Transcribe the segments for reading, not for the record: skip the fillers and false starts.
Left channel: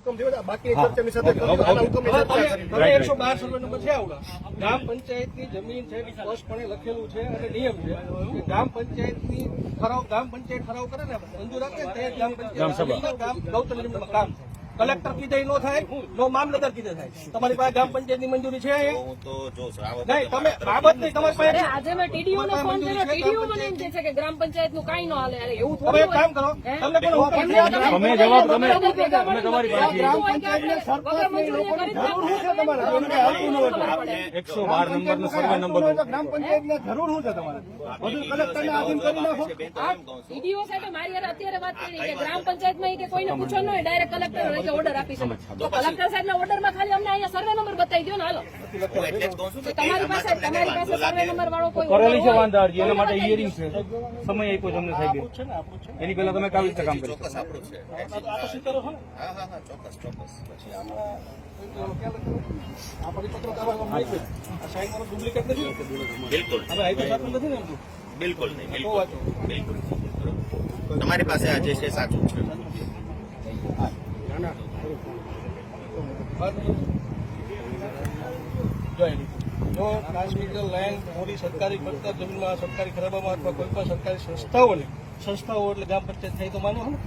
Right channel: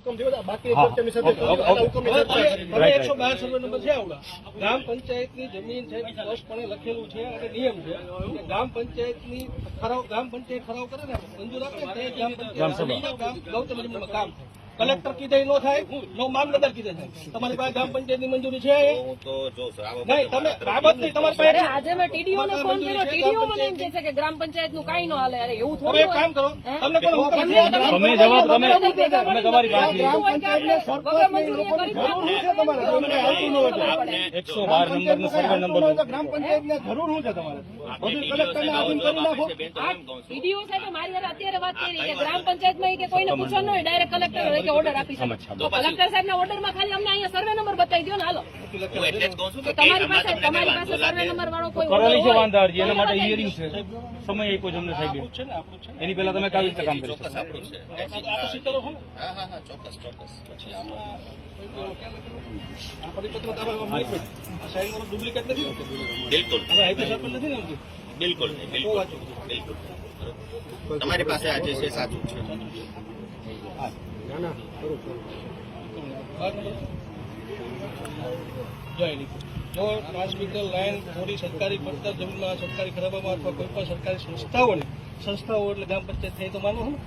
બાકી ચર્ચાની સાથે 112 સર્વે નંબર છે આવડા ગ્રામ પંચાયતની જમીન છે સ્પષ્ટપણે લખેલું છે અને નિયમ છે કે ગ્રામ પંચાયતની ગ્રામ પંચાયત ઠરાવ કરે ને મંજૂર આપે તે ગ્રામ પંચાયત ગૌતમ જમીનમાં કામ કલેક્ટર કીધે ન થાય નો મામલતદાર કીધે થાય તમારી પાસે ગ્રામ પંચાયતની મંજૂરી છે નહીં તમે બાબત નહીં તમારી પાસે આજે મેં ટીડીઓ ને ફોન કર્યો ટીડીઓ મને એમ કહે છે કે ગ્રામ પંચાયત નું કાઈ ન હાલે અરે એવું હવે એક કામ કરો તમને કોણ હુકમ તમે જવાબ તમે તમારી પાસે ગ્રામ પંચાયતને સરપંચની લોકોની જરૂર છે તમારે તમને આવતું ન હોય 112 નંબરનો સર્વે નંબર ગ્રામ પંચાયતને જરૂર શું છે તમારે બધું કલેક્ટરને આધીન કરી નાખો ટીડીઓ સાથે મારી યાર અત્યારે વાત કરી કે ગ્રામ પંચાયતમાં કે કોઈને પૂછવાનું નહીં ડાયરેક્ટ કલેક્ટર ઓર્ડર આપી શકે તો કલેક્ટર સાહેબના ઓર્ડરમાં ખાલી અમને અહીંયા સર્વે નંબર બતાવી દો ને હાલો એટલે જ કહું છું કે તમારી પાસે સર્વે નંબર વાળો કોઈ કરોલી છે વાંધા અરજી એના માટે હિયરિંગ છે સમય આપ્યો તમને સાહેબ છે ને આપણું છે એની પહેલા તમે કાવી રીતે કામ કરી ચોક્કસ આપણું છે આ તો સીતરો છે ને હા ચોક્કસ પછી આમાં આ પરિપત્ર તમારે સાઈન વાળો ડુપ્લિકેટ નથી ને બિલકુલ હવે હાઈવે સાહેબ નથી ને એમ બિલકુલ નહીં બિલકુલ તમારી પાસે આ જે છે સાચું છે જો ટ્રાન્સમીટર લાઈન થોડી સરકારી કરતા જમીનમાં સરકારી ખરાબામાં અથવા કોઈ પણ સરકારી સંસ્થાઓ એટલે ગ્રામ પંચાયત થઈ તો માનવું ને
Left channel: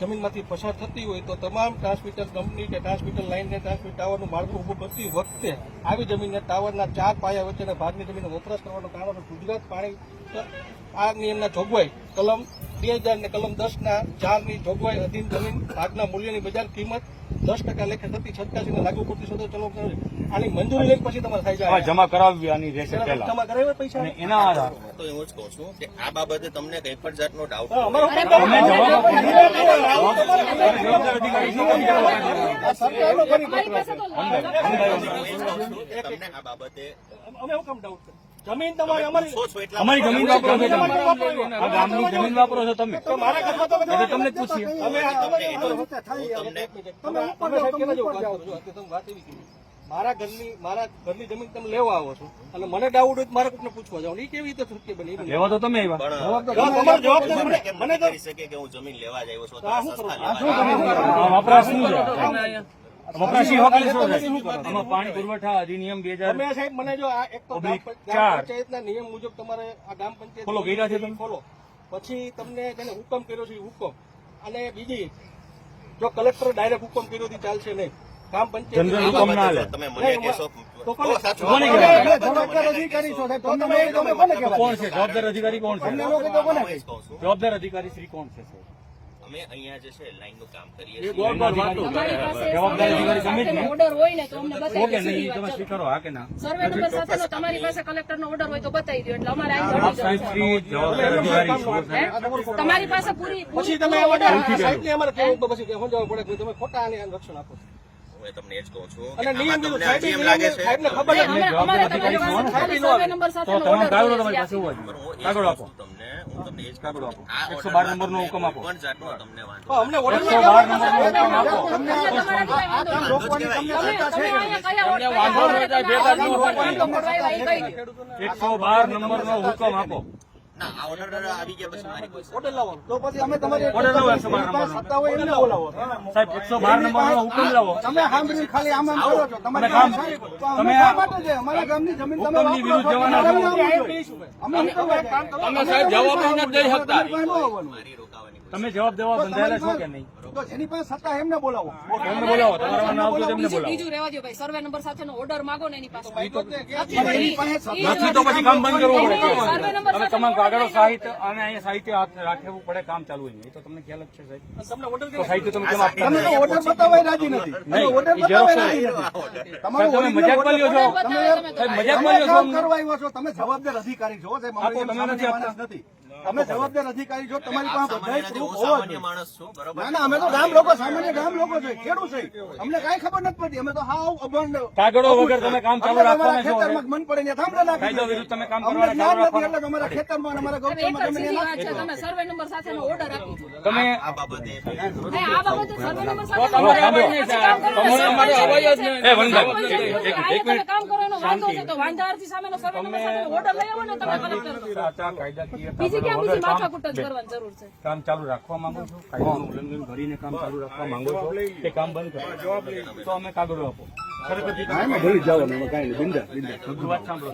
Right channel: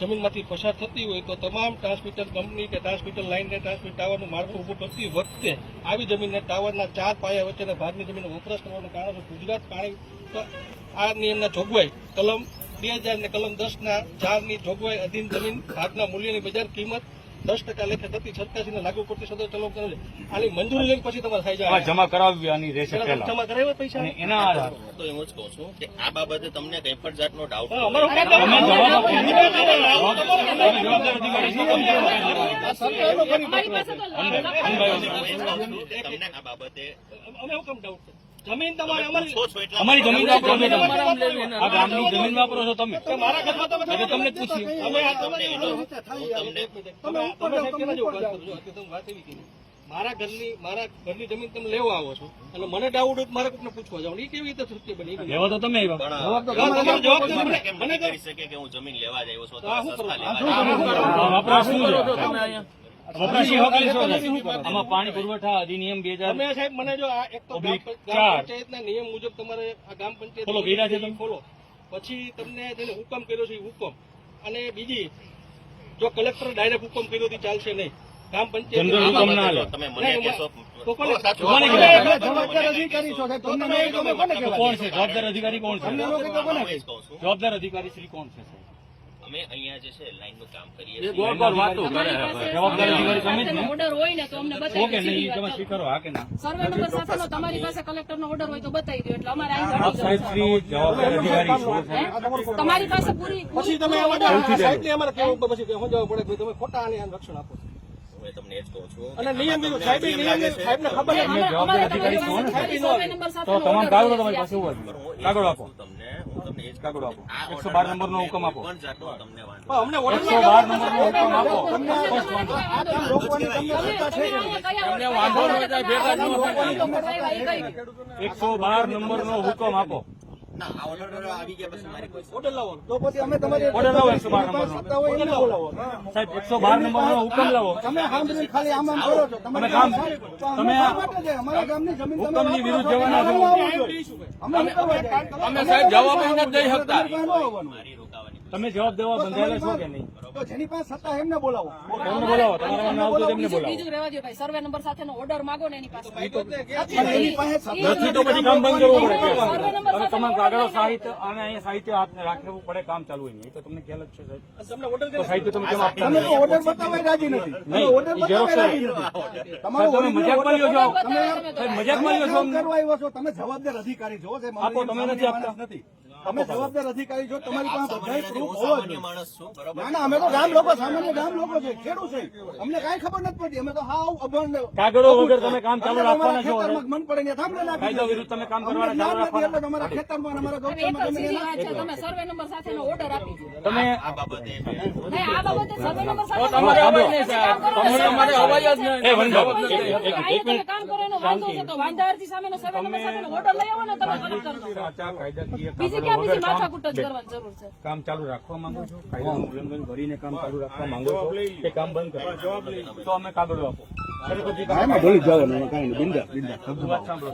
જમીનમાંથી પસાર થતી હોય તો તમામ ટ્રાન્સમીટર કંપની કે ટ્રાન્સમીટર લાઈન ને ટ્રાન્સમીટર ટાવરનું માળખું ઉભું કરતી વખતે આવી જમીનના ટાવરના 4 પાયા વચ્ચેના ભાગની જમીનનો વપરાશ કરવાનું કારણ છે ગુજરાત પાણી આ નિયમના જોગવાઈ કલમ 2000 ને કલમ 10 ના 4 ની જોગવાઈ અધીન જમીન ભાગના મૂલ્યની બજાર કિંમત 10% લેખે થતી 87 ને લાગુ પડતી સદો ચલો આની મંજૂરી લઈને પછી તમારે થઈ જાય જમા કરાવવી આની રહેશે પહેલા જમા કરાવ્યા પૈસા એના આધાર તો એવું જ કહું છું કે આ બાબતે તમને કઈ પણ જાતનો ડાઉટ તમે જવાબ આપો જવાબદાર અધિકારી તમને આ બાબતે અમે હુકમ ડાઉટ જમીન તમારી અમારી જમીન વાપરો છો તમે આ ગામની જમીન વાપરો છો તમે મારા ઘરમાં તો તમને જ પૂછીએ મારા ઘરની જમીન તમે લેવા આવો છો અને મને ડાઉટ હોય મારે કોઈને પૂછવા જાવ એ કેવી રીતે શક્ય બને લેવા તો તમે આવ્યા મને કરી શકે કે હું જમીન લેવા જ આવ્યો છું વપરાશ શું છે વપરાશી વકીલ શું છે આમાં પાણી પુરવઠા અધિનિયમ 2000 સાહેબ મને જો આ એક તો ગ્રામ પંચાયતના નિયમ મુજબ તમારે આ ગ્રામ પંચાયત ફોલો કર્યા છે તમે ફોલો પછી તમને તેને હુકમ કર્યો છે હુકમ અને બીજી જો કલેક્ટર ડાયરેક્ટ હુકમ કર્યો તો ચાલશે નહીં ગ્રામ પંચાયત હુકમ ના લે તમે મને કહેશો જવાબદાર અધિકારી છો સાહેબ તમને કોણ છે જવાબદાર અધિકારી કોણ છે જવાબદાર અધિકારી શ્રી કોણ છે અમે અહીંયા જે છે લાઈન નું કામ કરીએ જવાબદાર અધિકારી તમે જ ઓર્ડર હોય ને તો અમને બતાવી ઓકે નહીં તમે સ્વીકારો હા કે ના સર્વે નંબર સાથે તમારી પાસે કલેક્ટરનો ઓર્ડર હોય તો બતાવી દો એટલે અમારે આપ સાહેબ શ્રી જવાબદાર અધિકારી છો તમારી પાસે પૂરી પછી તમે સાહેબ ને અમારે કેવું પછી કે સમજાવવું પડે કે તમે ખોટા આને રક્ષણ આપો છો હું તમને એ જ કહું છું અને નિયમ સાહેબને ખબર એમને જવાબદાર અધિકારી છો ને તો તમામ કાગળો તમારી પાસે હોવા જોઈએ કાગળો આપો તમને હું તમને એ જ કાગળો આપો 112 નંબરનો હુકમ આપો પણ જાતનો તમને વાંધો અમને 112 નંબરનો હુકમ આપો રોકવાની તમને સત્તા 112 નંબરનો હુકમ આપો ના આ ઓર્ડર આવી ગયા પછી મારી કોઈ ઓર્ડર લાવો તો પછી અમે તમારી ઓર્ડર લાવો 112 નંબરનો સત્તા હોય એમને બોલાવો સાહેબ 112 નંબરનો હુકમ લાવો તમે સાંભળીને ખાલી આમ કરો છો તમે કામ તમે અમારા ગામની જમીન હુકમની વિરુદ્ધ જવાના છો અમે શું કરવા તમે સાહેબ જવાબ નથી દઈ શકતા મારી રોકાવાની તમે જવાબ દેવા બંધાયેલા છો કે નહીં તો જેની પાસે સત્તા એમને બોલાવો એમને બોલાવો તમારા નામ આવતું તેમને બોલાવો બીજું રહેવા દો ભાઈ સર્વે નંબર સાથેનો ઓર્ડર માંગો ને એની પાસે એની પાસે સત્તા નથી તો પછી કામ બંધ કરવું પડે સર્વે નંબર તમે તમામ કાગળો સાહિત્ય અને અહીંયા સાહિત્ય હાથ રાખવું પડે કામ ચાલુ હોય નહીં તો તમને ખ્યાલ જ છે સાહેબ તમને ઓર્ડર તો સાહિત્ય તમે કેમ આપતા તમે તો ઓર્ડર બતાવવા રાજી નથી નહીં ઓર્ડર ઈ ઝેરોક્ષ બતાવવા રાજી નથી તમારો તમે મજાકમાં લ્યો છો તમે સાહેબ મજાકમાં લ્યો છો કામ કરવા આવ્યો છો તમે જવાબદાર અધિકારી છો સાહેબ આપો તમે નથી આપતા નથી અમે જવાબદાર અધિકારી છો તમારી પાસે બધા પ્રૂફ હોવા સામાન્ય જોઈએ માણસ છું બરોબર ના ના અમે તો ગામ લોકો સામાન્ય ગામ લોકો છે ખેડૂત છે અમને કઈ ખબર નથી પડતી અમે તો હાવ અભણ કાગળો વગર તમે કામ ચાલુ રાખવાના છો ખેતરમાં મન પડે ને થાંભલે નાખી કાયદો વિરુદ્ધ તમે કામ અમને કરવાના ચાલુ જ્ઞાન નથી રાખવાના એટલે તમારા ખેતરમાં અને અમારા ગૌચરમાં તમે એને નાખી દો. તમે સર્વે નંબર સાથેનો ઓર્ડર આપી દો તમે આ બાબતે આ બાબતે સર્વે નંબર સાથે સાંભળો એ વનભાઈ એક મિનિટ કામ કરવાનો વાંધો છે તો વાંધા અરજી સામેનો સર્વે નંબર સામેનો ઓર્ડર લઈ આવો ને તમે કલેક્ટર સાચા કાયદાકીય બીજી કાગળો ક્યાં વગર બીજી કામ માથાકૂટ જ કરવાની જરૂર છે. કામ ચાલુ રાખવા માંગો છો, કાયદાનું ઉલ્લંઘન કરીને કામ ચાલુ રાખવા માંગો છો, તે કામ બંધ કરો તો અમે કાગળો આપો. સરસ્વતી ભૂલી જાવ, કાંઈ નહીં, બિંદા વાત સાંભળો.